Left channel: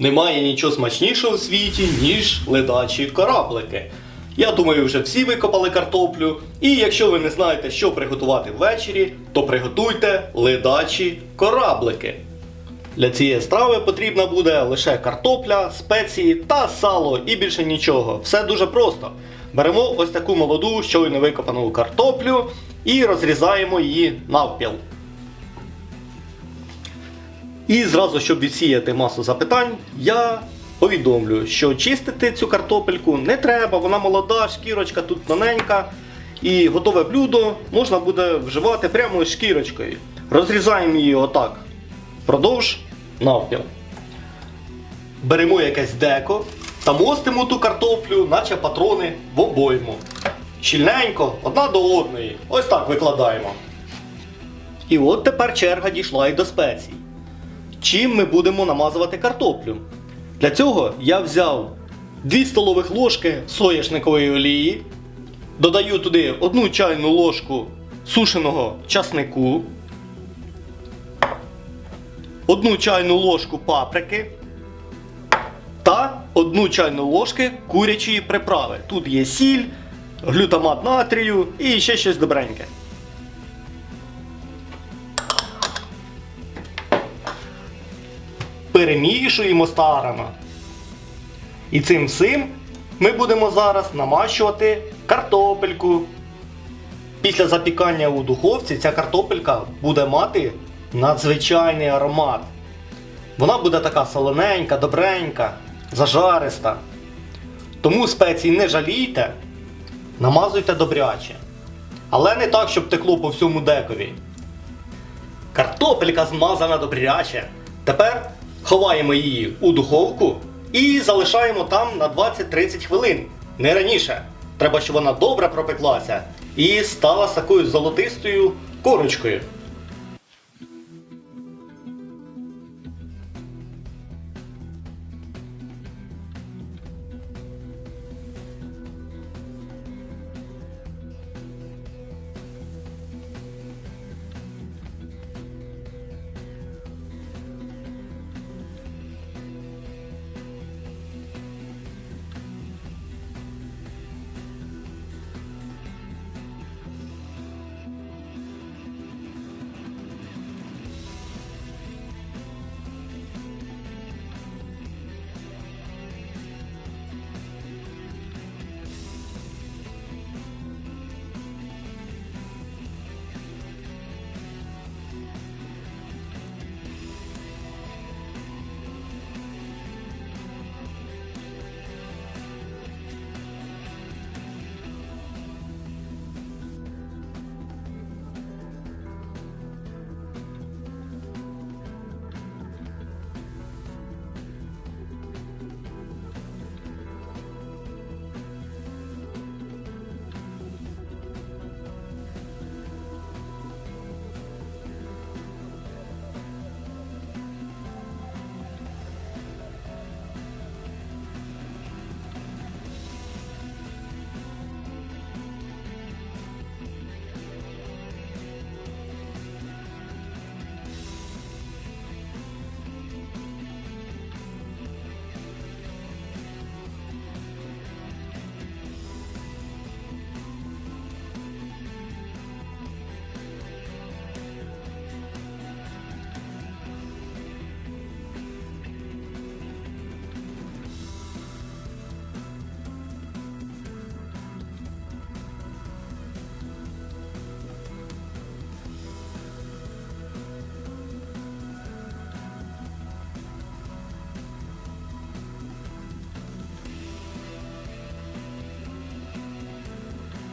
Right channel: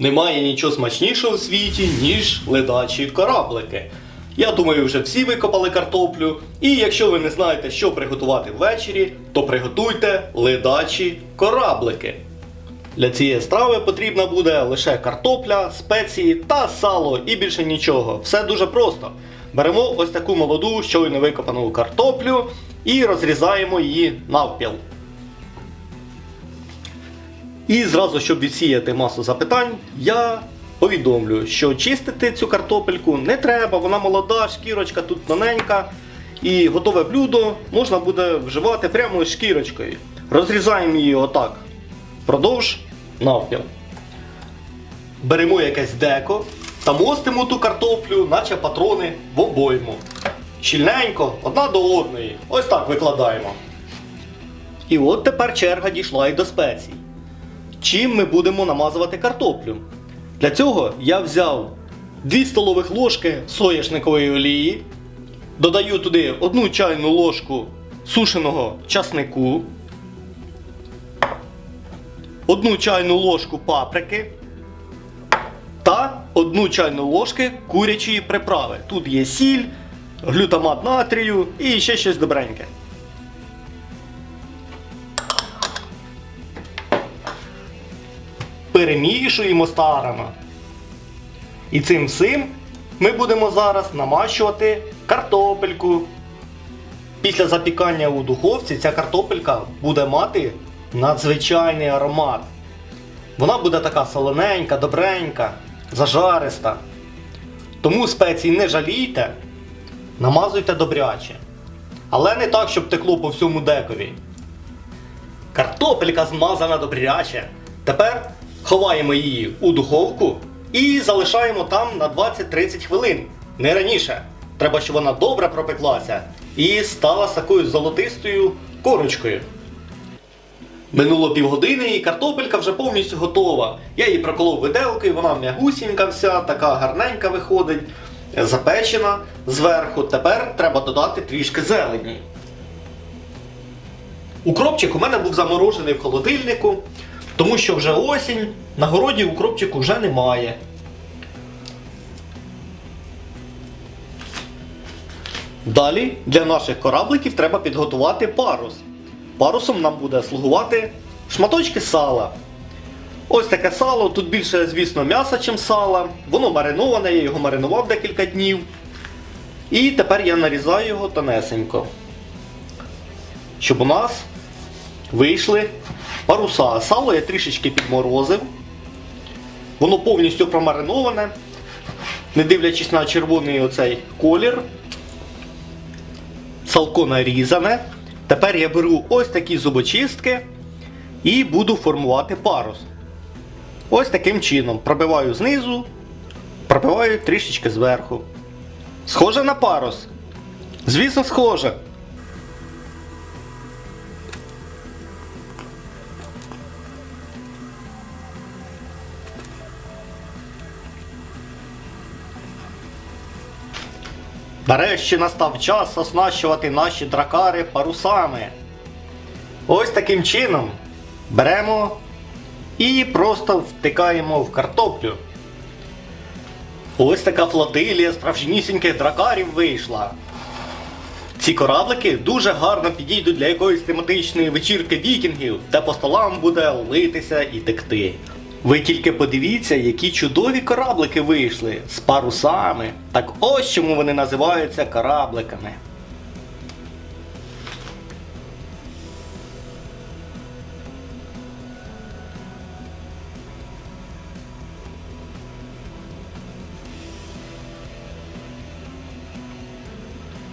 Немає нічого смачнішого у світі, ніж ледачі кораблики. Я думаю, вже всі викопали картоплю. І якщо ви не знаєте, що приготувати ввечері, то приготуйте ледачі кораблики. Для цієї страви потрібна буде лише картопля, спеції та сало і більше нічого. Все дуже просто. Беремо ось таку молоду, щойно викопану картоплю і розрізаємо її навпіл. І зразу, щоб відсіяти масу запитань, я повідомлю, що чистити цю картопельку не треба, вона молода, шкірочка тут тоненька. І готове блюдо можна буде вживати прямо з шкірочкою. Розрізаємо її отак впродовж навпіл. Беремо якесь деко та мостимо ту картоплю, наче патрони в обойму. Щільненько, одна до одної. Ось так викладаємо. І от тепер черга дійшла і до спецій. Чим ми будемо намазувати картоплю? Для цього я взяв 2 столових ложки соняшникової олії, додаю туди 1 чайну ложку сушеного часнику, 1 чайну ложку паприки та 1 чайну ложки курячої приправи. Тут є сіль, глютамат натрію і ще щось добреньке. Перемішуємо старано. І цим всім ми будемо зараз намащувати картопельку. Після запікання у духовці ця картопелька буде мати надзвичайний аромат. Вона буде така солоненька, добренька, зажариста. Тому спецій не жалійте, намазуйте добряче. Але не так, щоб текло по всьому декові. Картопелька змазана добряче. Тепер ховаємо її у духовку і залишаємо там на 20-30 хвилин. Не раніше. Треба, щоб вона добре пропеклася і стала з такою золотистою корочкою. Минуло півгодини і картопелька вже повністю готова. Я її проколов виделкою, вона м'ягусінька вся, така гарненька виходить, запечена зверху. Тепер треба додати трішки зелені. Укропчик у мене був заморожений в холодильнику, тому що вже осінь, на городі укропчику вже немає. Далі для наших корабликів треба підготувати парус. Парусом нам буде слугувати шматочки сала. Ось таке сало, тут більше, звісно, м'яса, чим сала. Воно мариноване, я його маринував декілька днів. І тепер я нарізаю його тонесенько. Щоб у нас вийшли паруса. Сало я трішечки підморозив. Воно повністю промариноване, не дивлячись на червоний оцей колір. Салко нарізане. Тепер я беру ось такі зубочистки і буду формувати парус. Ось таким чином. Пробиваю знизу, пробиваю трішечки зверху. Схоже на парус? Звісно, схоже. Нарешті настав час оснащувати наші дракари парусами. Ось таким чином беремо і просто втикаємо в картоплю. Ось така флотилія справжнісіньких дракарів вийшла. Ці кораблики дуже гарно підійдуть для якоїсь тематичної вечірки вікінгів, де по столам буде литися і текти. Ви тільки подивіться, які чудові кораблики вийшли з парусами. Так ось чому вони називаються корабликами.